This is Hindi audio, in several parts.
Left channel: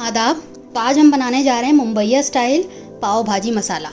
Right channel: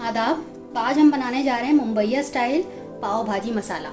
आदाब। तो आज हम बनाने जा रहे हैं मुंबईया स्टाइल पाव भाजी मसाला।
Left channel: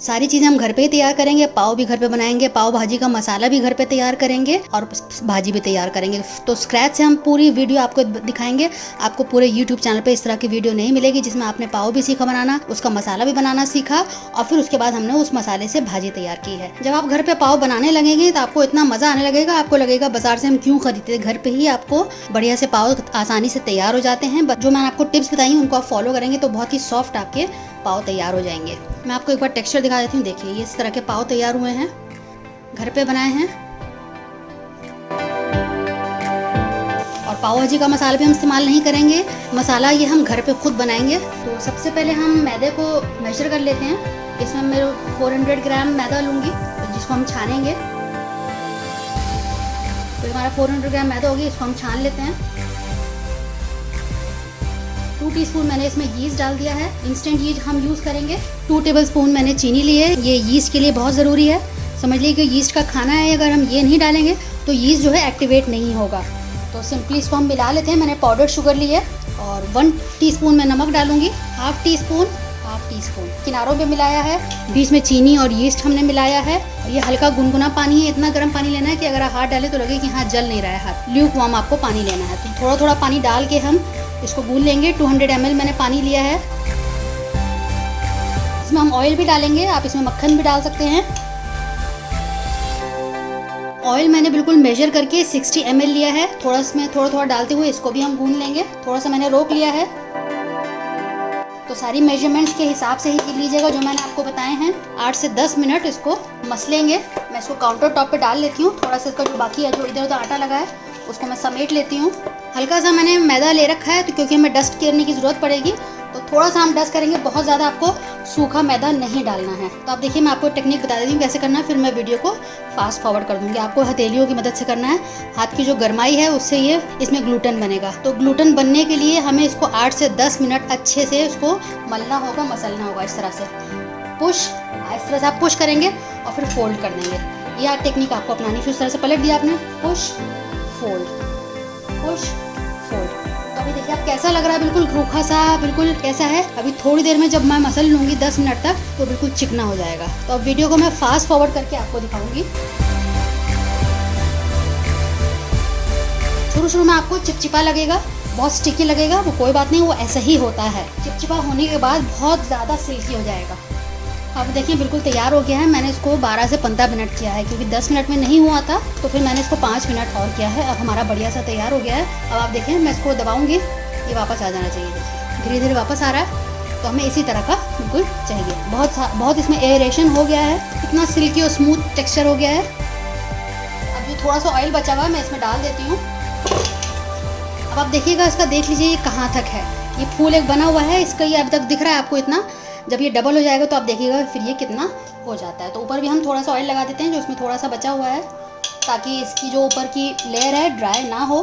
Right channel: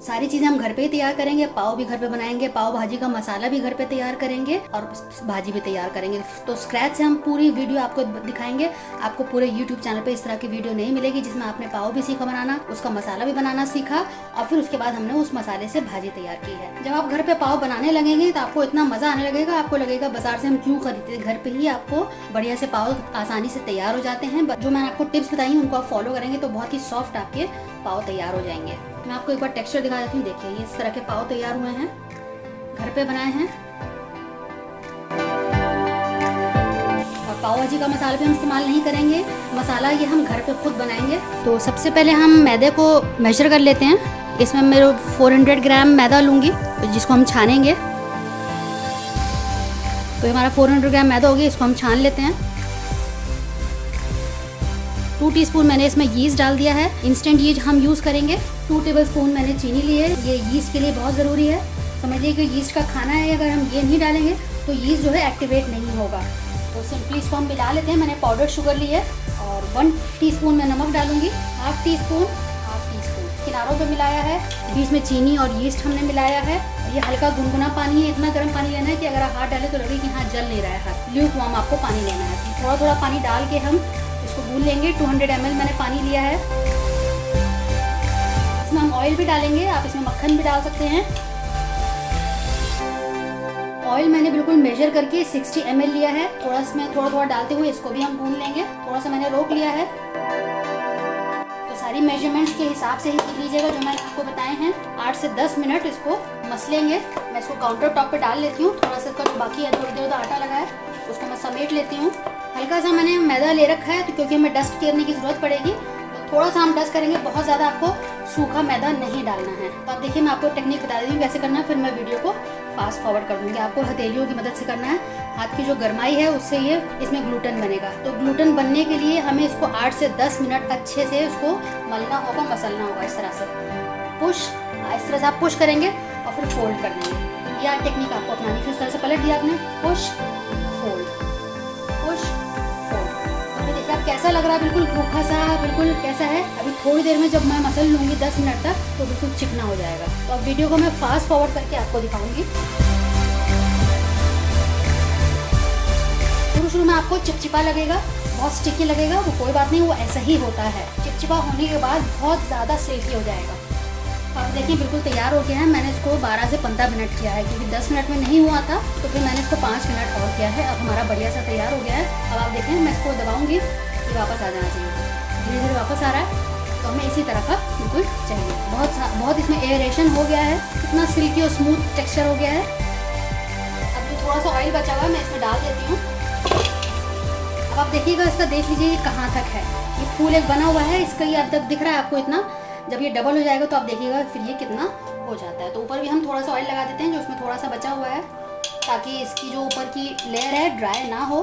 सारी चीज़ें हम घर पे ही तैयार करेंगे। पाव भी घर पे बनाएंगे, पाव भाजी का मसाला भी घर पे तैयार करेंगे और भाजी भी तैयार करेंगे। तो स्क्रैच से हम पूरी वीडियो आपको दिखाएंगे। आपको पूरे यूट्यूब चैनल पे इस तरह की वीडियो नहीं मिलेगी जिसमें आपने पाव भी सीखा बनाना, उसका मसाला भी बनाना सीखा और फिर उसके बाद हमने उस मसाले से भाजी तैयार की है। जब आप घर पे पाव बनाने लगेंगे तो आपको इतना मजा आने लगेगा, आपको लगेगा बाजार से हम क्यों खरीदते, घर पे ही आपको बढ़िया से पाव आसानी से तैयार हो जाते हैं। जो मैंने आपको टिप्स बताई उनको आप फॉलो करेंगे तो बहुत ही सॉफ्ट आपके पाव तैयार हो जाएंगे। मैं आपको एक बार टेक्सचर दिखा देती हूँ। देखिए ये इस तरह के पाव तैयार हुए हैं, घर पे बनाए हैं। और पाव भाजी का मसाला भी हम इस्तेमाल नहीं करेंगे, मसाला ये हम घर पे खुद बनाएंगे। तो सबसे पहले हम मैदे को मेजर कर लेते हैं। इसमें मैं 400 ग्राम मैदा लूँगी जिसको हम छानेंगे। तो ये हमारा 400 ग्राम मैदा हो गया, इसको हम छान लेते हैं। 2 टीस्पून मैंने इसमें यीस्ट डाल दिया है, इंस्टेंट यीस्ट हम यूज़ करेंगे। 2 टेबलस्पून मैंने चीनी ली है, ये यीस्ट के लिए बहुत ज़रूरी है। समझ लीजिए कि यीस्ट का खाना है, अगर हम ये नहीं डालेंगे तो यीस्ट जो है एक्टिवेट नहीं होगा। तो सिंपली इसको हम मिला लेते हैं। मैंने पाउडर शुगर ली है और 1 टीस्पून मैं नमक डालूंगी, हाफ टी स्पून किनारों पे मिलाया है, बीच में चीनी और यीस्ट हमने मिलाया है। और ये हल्का गुनगुना पानी है, इतना गर्म पानी लेना है कि अगर आप हाथ डालें तो लगे कि हाँ जल नहीं रहा है हाथ। ल्यूक वार्म आपको पानी लेना है। तो थोड़ा थोड़ा पानी डाल के हम इसको गूंद लेंगे। 200 ml मैंने पानी लिया है। इसमें हम ऑयल भी डालेंगे, आप इसमें मक्खन भी डाल सकते हैं। ऑयल मैंने बिल्कुल मेजर करके 60 ml लिया है। थोड़ा इसमें थोड़ा डालते हुए इसको भी हम गूंद लेंगे। थोड़ा सा मैंने रोक लिया है। तो सारी मेजरमेंट्स के हिसाब से ही कर लीजिएगा जो मैंने आपको बताए हैं। 8 से 10 मिनट इसको मसलेंगे। मैं इसको काउंटर टॉप पे डाल लेती हूँ। थोड़ा सा इसका जो बाकी है, जो इधर उधर आटा लगा है उसको मैं समेट लेती हूँ। हल्का सा मैंने मैदा ले रखा है तो क्योंकि हमें डस्ट करने की ज़रूरत पड़ेगी तो थोड़ा सा हम डस्ट करेंगे, बहुत ज़्यादा आपको सूखा मैदा नहीं डालना है। तो आप देखिए मैं आपको टेक्निक बता देती हूँ कैसे करना है, फिर मैं वीडियो को फास्ट फॉरवर्ड कर दूँगी। आपको हथेलियों की मदद से करना है। हाथ की जो गर्माई है उससे ये इसमें ग्लूटन बनेगा। तो ग्लूटन बनने के लिए हमें इसको 8 से 10 मिनट अच्छे से उसको मलना होगा, मसलना होगा। इस तरह से इस तरह से आप पुश करेंगे और फिर फोल्ड कर देंगे। यह टेक्निक आपको अपनानी। फिर इस तरह से पलट दिया आपने, पुश फोल्ड, पुश फोल्ड। तो अभी देखिए आप कैसा लग रहा है, बिल्कुल रूखा सा, बिल्कुल कैसा है। अभी थोड़ी देर में जब मैं मसल लूँगी 10 मिनट तक तो बिल्कुल चिकना हो जाएगा। तो अब वीडियो को मैं फास्ट फॉरवर्ड करके आपको दिखाऊंगी। शुरू में आपको चिपचिपा लगेगा, बहुत स्टिकी लगेगा, वो कोई बात नहीं, वो ऐसा ही होता है। चिपचिपा होने के बाद बहुत ज़्यादा सिल्की हो जाएगा। अब देखिए बिल्कुल तैयार हो गया है। मैंने इसको 12 से 15 मिनट किया है क्योंकि 10 मिनट में नहीं हुआ था, तो फिर मैंने इसको 5 मिनट और किया है। अब हमारा बढ़िया सा तैयार हो गया है। अब आप देखें मैं इसको दबाऊंगी, ये वापस आ जाना चाहिए। धीरे धीरे वापस आ रहा है। तो हमें इसी तरह का बिल्कुल चाहिए। बहुत इसमें एयरेशन हो गया है, इतना सिल्की और स्मूथ टेक्स्चर हो गया है। अब जो थोड़ा सा ऑयल बचा हुआ है मैं इसमें डाल देती हूँ। अब आप देखिएगा, इसका देख लीजिए ये कहाँ तक है। ये फूल एक बना हुआ है, इसका ये अभी तक दिख रहा है आपको इतना। जब ये डबल हो जाएगा तो आप देखिएगा फिर ये कितना हो जाता है। तो ऊपर भी हम थोड़ा सा ऑयल लगा देते हैं जो इसमें थोड़ा सा बचा हुआ है, ताकि इसकी जो ऊपर की लेयर है ड्राई ना हो।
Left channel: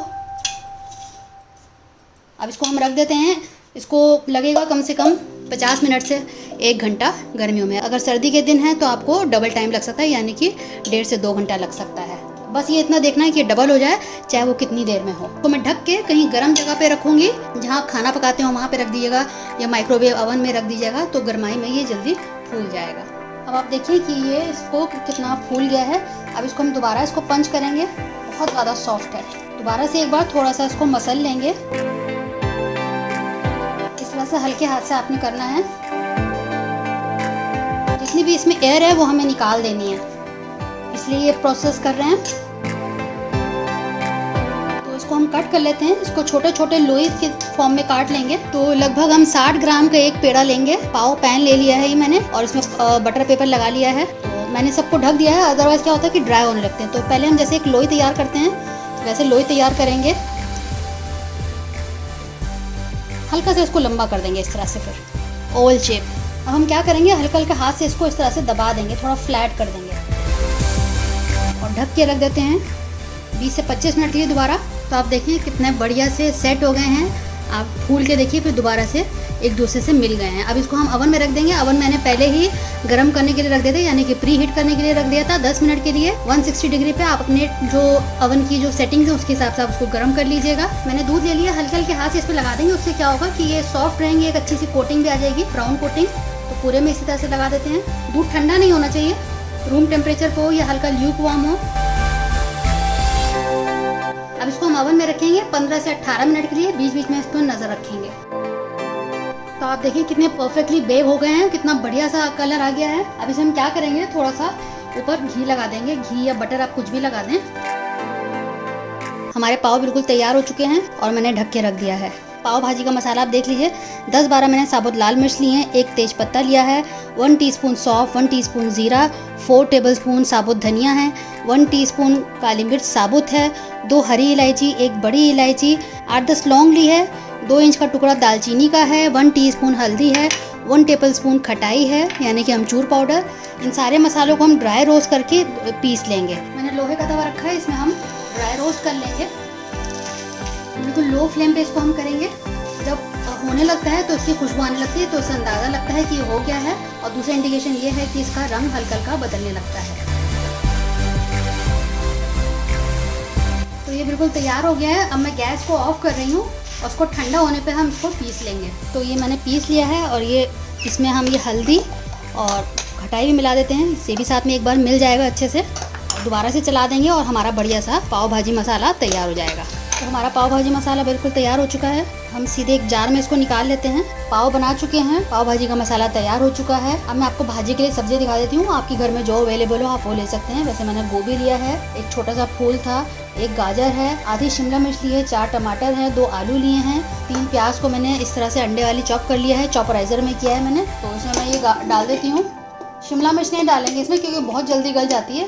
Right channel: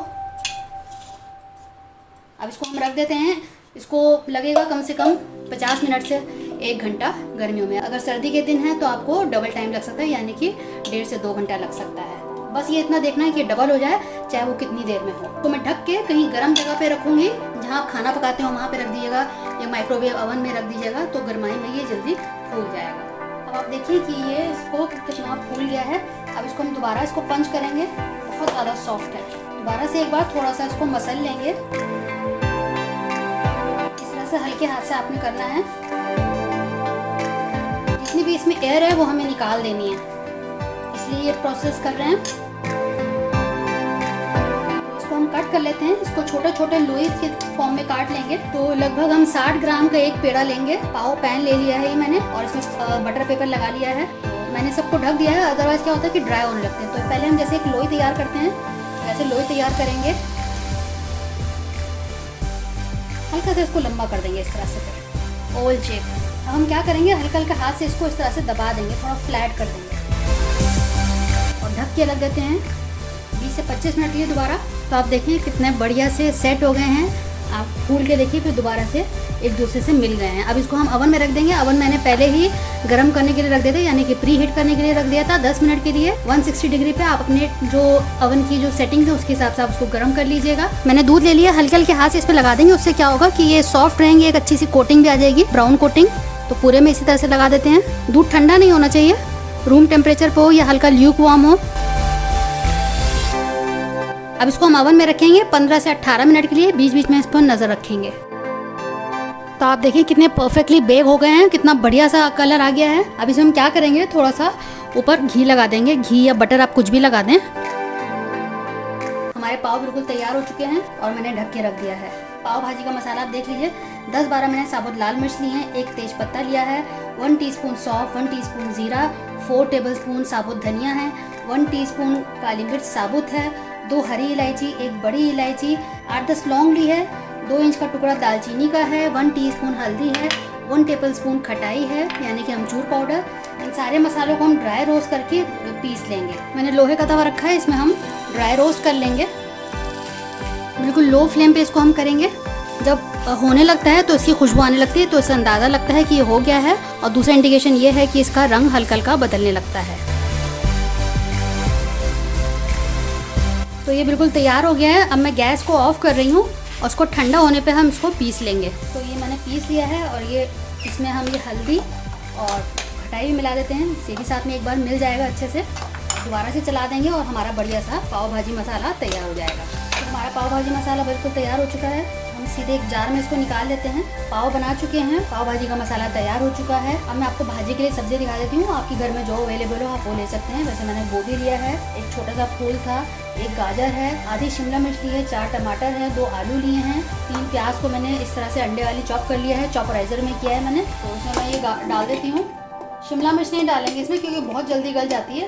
अब इसको हम रख देते हैं। इसको लगेगा कम से कम 50 मिनट से 1 घंटा गर्मियों में। अगर सर्दी के दिन है तो आपको डबल टाइम लग सकता है, यानी कि 1.5 से 2 घंटा लग सकता है। बस ये इतना देखना है कि डबल हो जाए, चाहे वो कितनी देर में हो। तो मैं ढक के कहीं गर्म जगह पे रखूंगी, जहाँ आप खाना पकाते हो वहाँ पे रख दीजिएगा या माइक्रोवेव ओवन में रख दीजिएगा, तो गर्माई में ये जल्दी फूल जाएगा। अब आप देखिए कि ये इसको कितना फूल गया है। अब इसको हम दोबारा इसको पंच करेंगे, बहुत ज़्यादा सॉफ्ट है। दोबारा से एक बार थोड़ा सा इसको मसल लेंगे। इस तरह से हल्के हाथ से आपने करना है। जितनी भी इसमें एयर है वो हमें निकाल देनी है, इसलिए ये प्रोसेस कर रहे हैं। तो इसको हम कट कर लेते हैं। इसको छोटे छोटे लोई के फॉर्म में काट लेंगे। तो लगभग हम 60 ग्राम का एक पेड़ा लेंगे। पाव पैन ले लिया है ये मैंने, और इसमें बटर पेपर लगा लिया है। तो मैंने सबको ढक दिया है, अदरवाइज क्या होता है कि ड्राई होने लगते हैं। तो पहले हम जैसे एक लोई तैयार करते हैं वैसे लोई तैयार करेंगे। हल्का से इसको लंबा कर देंगे इस तरह से, फिर ओवल शेप। अब हम क्या करेंगे, हल्का हल्का हाथ से इसको इस तरह से दबा देंगे, थोड़ा फ्लैट कर देंगे और ढक के रख देते हैं 20 से 25 मिनट के लिए दोबारा। तो आप देखें कितने बढ़िया से सेट हो गए हैं आप फूल के देखिए फिर दोबारा से एक दूसरे से मिल गए हैं। अब इसको हम अवन में रख देंगे। अवन मैंने पहले ही गर्म करने के लिए रख दिया था, यानी कि प्री हीट करने के लिए रख दिया था 10 मिनट के लिए 160 डिग्री पे। आप अपने जो अवन की जो सेटिंग्स है उसके हिसाब से आप उसको गर्म कर लीजिएगा। मैंने दूध ले लिया, हल्के हल्के हाथ से इस पे लगा देंगे। उससे क्या होगा कि ये सॉफ्ट रहेंगे, एक अच्छी सी कोटिंग भी आ जाएगी, ब्राउन कोटिंग। तो पूरे में इसी तरह से लगा देते हैं। दूध ठंडा नहीं होना चाहिए, रूम टेम्परेचर पे हो या हल्का ल्यूक वार्म हो। अब इसको हम अवन में रखेंगे 15 से 18 मिनट के लिए। बीच बीच में इस पर नजर रखेंगे। तो आप देखिए कितने परफेक्टली बेक हो गए हैं, कितना बढ़िया सा कलर आ गया है। अब इसमें हम क्या करेंगे, थोड़ा सा ऊपर घी लगा देंगे। घी या बटर आप कुछ भी लगा दें। हमारे पाव बिल्कुल तैयार हो चुके हैं और मैंने ढक के रख दिया है। पाव भाजी का मसाला आप देख लीजिए। 10-12 मैंने साबुत लाल मिर्च ली हैं, 1 तेज पत्ता लिया है, 1 टीस्पून सौंफ, 1 टीस्पून जीरा, 4 टेबलस्पून साबुत धनिया है, 1 टीस्पून काली मिर्च साबुत है, 2 हरी इलायची, 1 बड़ी इलायची, 8-10 लौंग ली है, 2 इंच का टुकड़ा दालचीनी का है, 1 टीस्पून हल्दी है, 1 टेबलस्पून खटाई है यानी कि अमचूर पाउडर। इन सारे मसालों को हम ड्राई रोस्ट करके पीस लेंगे। मैंने लोहे का तवा रखा है, इसमें हम ड्राई रोस्ट कर लेंगे। बिल्कुल लो फ्लेम पे इसको हम करेंगे। जब होने लगता है तो इसकी खुशबू आने लगती है, तो इससे अंदाज़ा लगता है कि ये हो गया है। और दूसरा इंडिकेशन ये है कि इसका रंग हल्का हल्का बदलने लगता है। तो ये बिल्कुल तैयार हो गया है। अब मैं गैस को ऑफ कर रही हूँ और उसको ठंडा होने पे हम इसको पीस लेंगे। तो ये मैंने पीस लिया है और ये इसमें हम ये हल्दी और खटाई भी मिला देते हैं। इसे भी साथ में एक बार मिल जाएगा अच्छे से। दोबारा से चला देंगे और हमारा बढ़िया सा पाव भाजी मसाला तैयार हो जाएगा। तो हमारा पाव भाजी मसाला बिल्कुल तैयार हो चुका है। हम सीधे एक जार में इसको निकाल लेते हैं। पाव बना चुके हैं, पाव भाजी का मसाला तैयार हो चुका है। अब मैं आपको भाजी के लिए सब्जी दिखा देती हूँ। आपके घर में जो अवेलेबल हो आप वो ले सकते हैं। वैसे मैंने गोभी लिया है, एक छोटा सा फूल था, 1 गाजर है, आधी शिमला मिर्च ली है, 4 टमाटर है, 2 आलू लिए हैं, 3 प्याज को मैंने इस तरह से अंडे वाली चॉप कर लिया है, चॉपराइजर में किया है मैंने। तो उसमें मैं ये डाल देती हूँ। शिमला मिर्च नहीं डालेंगे इसमें क्योंकि बहुत जल्दी गल जाती है,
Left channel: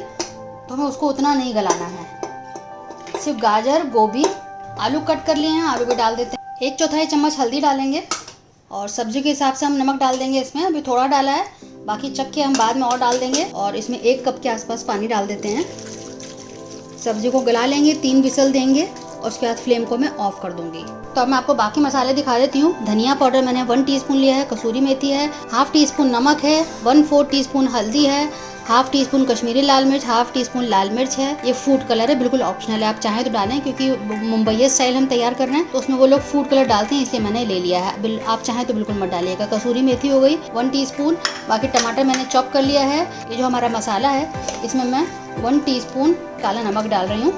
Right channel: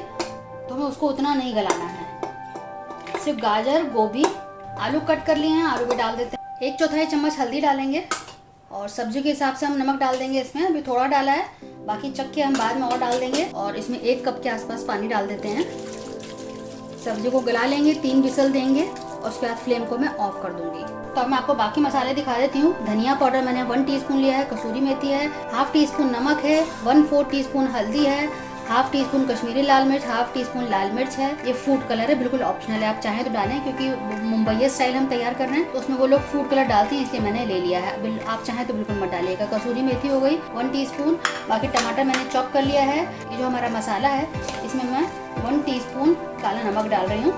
तो हमें उसको उतना नहीं गलाना है। सिर्फ गाजर, गोभी, आलू कट कर लिए हैं, आलू भी डाल देते हैं। 1/4 चम्मच हल्दी डालेंगे और सब्जी के हिसाब से हम नमक डाल देंगे। इसमें अभी थोड़ा डाला है, बाकी चख के हम बाद में और डाल देंगे। और इसमें 1 कप के आसपास पानी डाल देते हैं। सब्जी को गला लेंगे, 3 विसल देंगे और उसके बाद फ्लेम को मैं ऑफ कर दूंगी। तो अब मैं आपको बाकी मसाले दिखा देती हूँ। धनिया पाउडर मैंने 1 टीस्पून लिया है, कसूरी मेथी है, 1/2 टीस्पून नमक है, 1/4 टीस्पून हल्दी है, 1/2 टीस्पून कश्मीरी लाल मिर्च, 1/2 टीस्पून लाल मिर्च है। ये फूड कलर है, बिल्कुल ऑप्शनल है, आप चाहें तो डालें क्योंकि मुंबई स्टाइल हम तैयार कर रहे हैं तो उसमें वो लोग फूड कलर डालते हैं, इसलिए मैंने ले लिया है। आप चाहें तो बिल्कुल मत डालिएगा। कसूरी मेथी हो गई 1 टीस्पून। बाकी टमाटर मैंने चॉप कर लिया है। ये जो हमारा मसाला है इसमें मैं 1 टीस्पून काला नमक डाल रही हूँ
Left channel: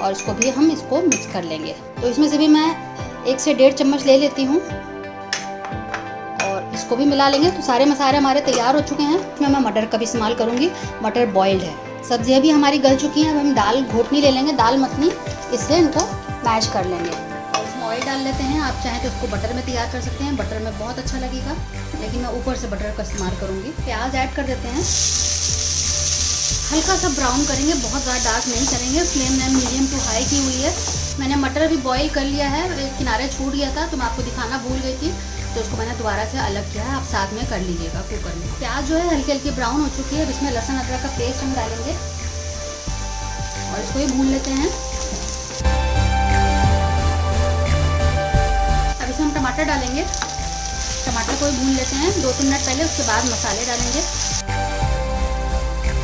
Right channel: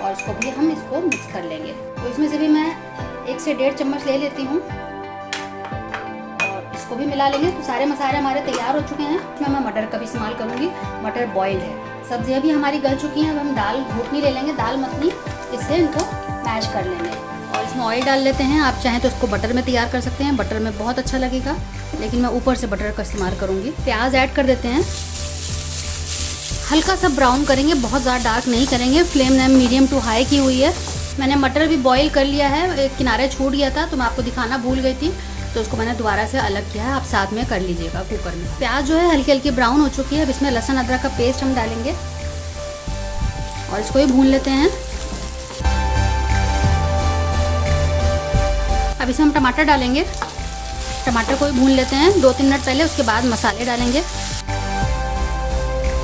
और इसको मिक्स कर लेंगे। तो इसमें से भी मैं 1 से 1.5 चम्मच ले लेती हूँ और इसको भी मिला लेंगे। तो सारे मसाले हमारे तैयार हो चुके हैं। इसमें मैं मटर का भी इस्तेमाल करूँगी, मटर बॉइल्ड है। सब्जियाँ भी हमारी गल चुकी हैं। अब हम दाल घोटनी ले लेंगे, दाल मखनी, इससे इनको मैश कर लेंगे। और इसमें ऑयल डाल लेते हैं। आप चाहें तो इसको बटर में तैयार कर सकते हैं, बटर में बहुत अच्छा लगेगा, लेकिन मैं ऊपर से बटर का इस्तेमाल करूँगी। प्याज ऐड कर देते हैं, हल्का सा ब्राउन करेंगे, बहुत ज़्यादा डार्क नहीं करेंगे। फ्लेम मैंने मीडियम टू हाई की हुई है। मैंने मटर भी बॉईल कर लिया है, एक किनारे छूट गया था तो मैं आपको दिखाना भूल गई थी, तो इसको मैंने दोबारा से अलग किया है। आप साथ में कर लीजिएगा कुकर में। प्याज जो है हल्की हल्की ब्राउन हो चुकी है। अब इसमें लहसुन अदरक का पेस्ट हम डालेंगे और इसको ही भून लेते हैं। अब इसमें हम टमाटर डालेंगे, टमाटर को भी भून लेते हैं 2-3 मिनट पहले। उसके बाद मसाले डालेंगे।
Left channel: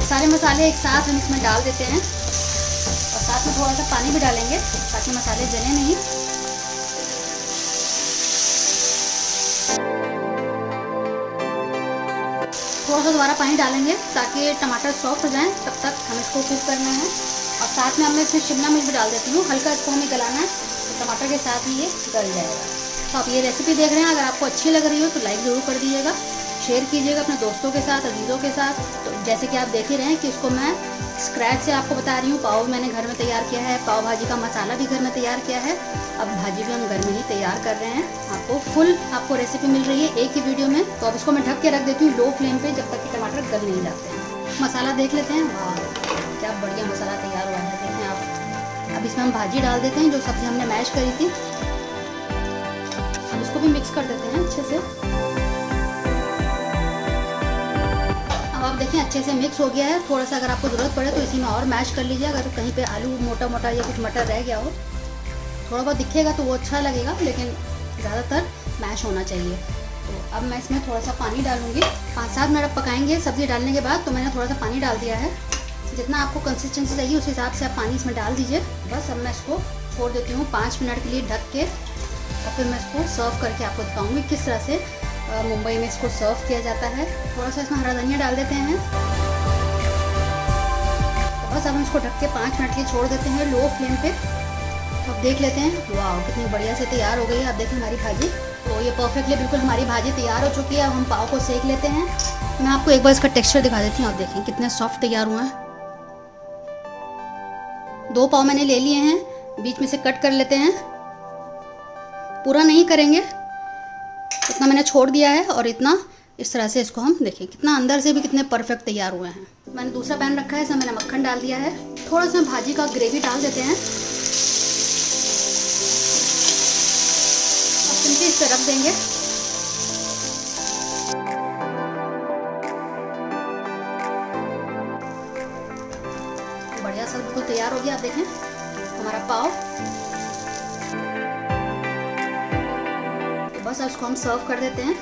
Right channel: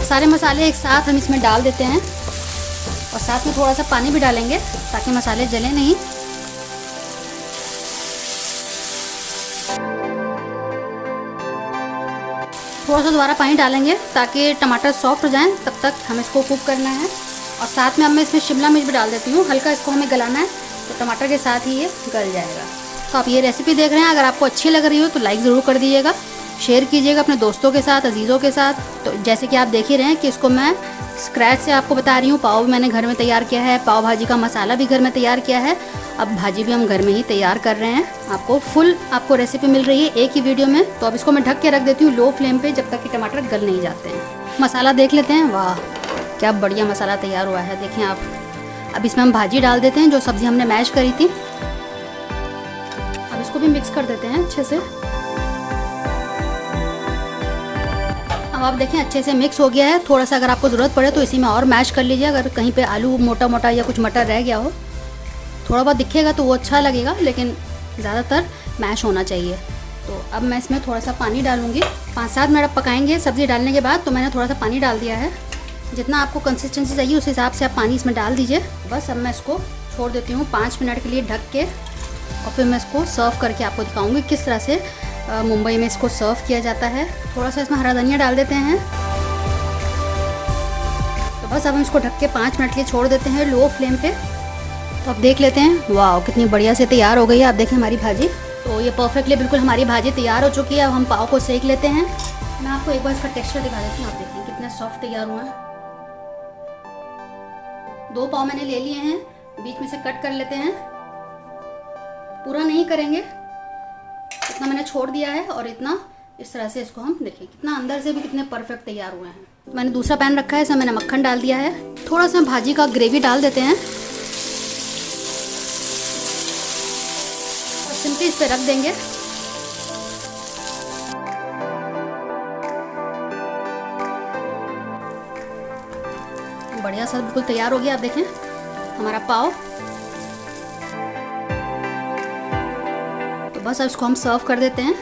सारे मसाले एक साथ हम इसमें डाल देते हैं और साथ में थोड़ा सा पानी भी डालेंगे ताकि मसाले जले नहीं। थोड़ा सा दोबारा पानी डालेंगे ताकि टमाटर सॉफ्ट हो जाएं, तब तक हमें इसको कुक करना है। और साथ में मैं इसमें शिमला मिर्च भी डाल देती हूँ। हल्का इसको हमें गलाना है तो टमाटर के साथ ही ये गल जाएगा। तो आप ये रेसिपी देख रहे हैं, अगर आपको अच्छी लग रही हो तो लाइक ज़रूर कर दीजिएगा, शेयर कीजिएगा अपने दोस्तों के साथ, अजीज़ों के साथ। तो जैसे कि आप देख ही रहे हैं कि इसको मैं स्क्रैच से आपको बता रही हूँ। पाव भी मैंने घर में तैयार किया है, पाव भाजी का मसाला भी घर में तैयार किया है। अब भाजी भी हम घर में ही तैयार कर रहे हैं। आपको रेसिपी मिल रही है एक ही वीडियो में। तो अब इसको मैं ढक के रख देती हूँ लो फ्लेम पे, जब तक कि टमाटर गल नहीं जाते हैं। मसाला देख लेते हैं, वाह क्या बढ़िया मसाला तैयार हुआ है, देखिए आप। अब इसमें हम भाजी डाल देते हैं, जो सब्जी हमने मैश करी थी। अब इसको भी मिक्स कर देते हैं अच्छे से। अब आप देखें अच्छे से मिक्स हो गया है। थोड़ा सा अगर आपको ज़रूरत पड़े तो इसी में और मैश कर लीजिए। अगर कहीं पे आलू मोटा मोटा या कुछ मटर रह गया हो, थोड़ा बहुत दिखेगा तो वो अच्छा लगेगा, लेकिन ज़्यादातर मैश होना चाहिए। तो अब मैं इसमें थोड़ा सा पानी डालूँगी। 5-7 मिनट पकाएंगे सब्ज़ी डालने के बाद। तो मैंने थोड़ा सा पानी डाल दिया है। जितना आपको कंसिस्टेंसी चाहिए उस हिसाब से आप पानी इसमें डाल दीजिए। बस अब मैं इसको छोड़ देती हूँ 5 मिनट के लिए ढक के, और फिर मैं इसको सर्व करके आपको दिखाऊंगी किस तरह से मुंबई में इसको सर्व किया जाता है। थोड़ा सा इसमें हरा धनिया डाल देते हैं। तो बस अब हम इसको ढक के 5 मिनट के लिए छोड़ देते हैं लो फ्लेम पे। तो अब देख लेते हैं, वाह कितनी बढ़िया से तैयार हो गई है। आप देखें हमारी भाजी, तो ये परफेक्टली बिल्कुल हमारी भाजी तैयार हो चुकी है। अब हम पाव को सेक लेते हैं। मैं आपको एक बार इसका टेक्सचर दिखा देती हूँ। आप देखिए कितने सॉफ्ट तैयार हुए हैं। 2 पाव मैंने ले लिए हैं, बीच में से कट कर लेते हैं। पूरा नहीं करेंगे, इतना मैंने छोड़ दिया है। और इतना इस तरह से इसको हम देखिए कितना अंदर से भी कितने परफेक्ट तैयार हुए हैं। मैंने दूसरा पैन रखा है, इसमें मैंने मक्खन डाल दिया है। थोड़ा सा भाजी का ग्रेवी डाल देते हैं और सिंपली इस पर रख देंगे। बढ़िया सा बिल्कुल तैयार हो गया। आप देखें हमारा पाव। तो बस अब इसको हम सर्व कर देते हैं।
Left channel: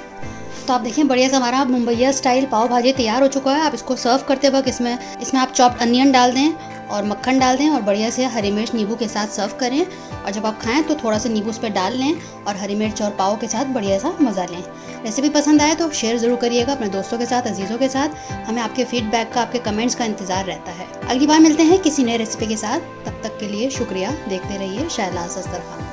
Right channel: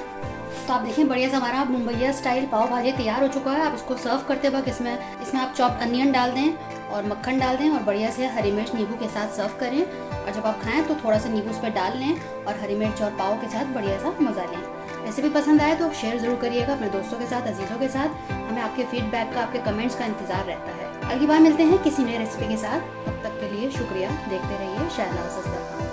तो आप देखें बढ़िया सा हमारा मुंबईया स्टाइल पाव भाजी तैयार हो चुका है। आप इसको सर्व करते वक्त इसमें आप चॉप्ड अनियन डाल दें और मक्खन डाल दें और बढ़िया से हरी मिर्च नींबू के साथ सर्व करें। और जब आप खाएं तो थोड़ा सा नींबू उस पर डाल लें और हरी मिर्च और पाव के साथ बढ़िया सा मज़ा लें। रेसिपी पसंद आए तो शेयर ज़रूर करिएगा अपने दोस्तों के साथ, अजीज़ों के साथ। हमें आपके फीडबैक का, आपके कमेंट्स का इंतज़ार रहता है। अगली बार मिलते हैं किसी नए रेसिपी के साथ। तब तक के लिए शुक्रिया। देखते रहिए शायलाज़ अख्तर खान।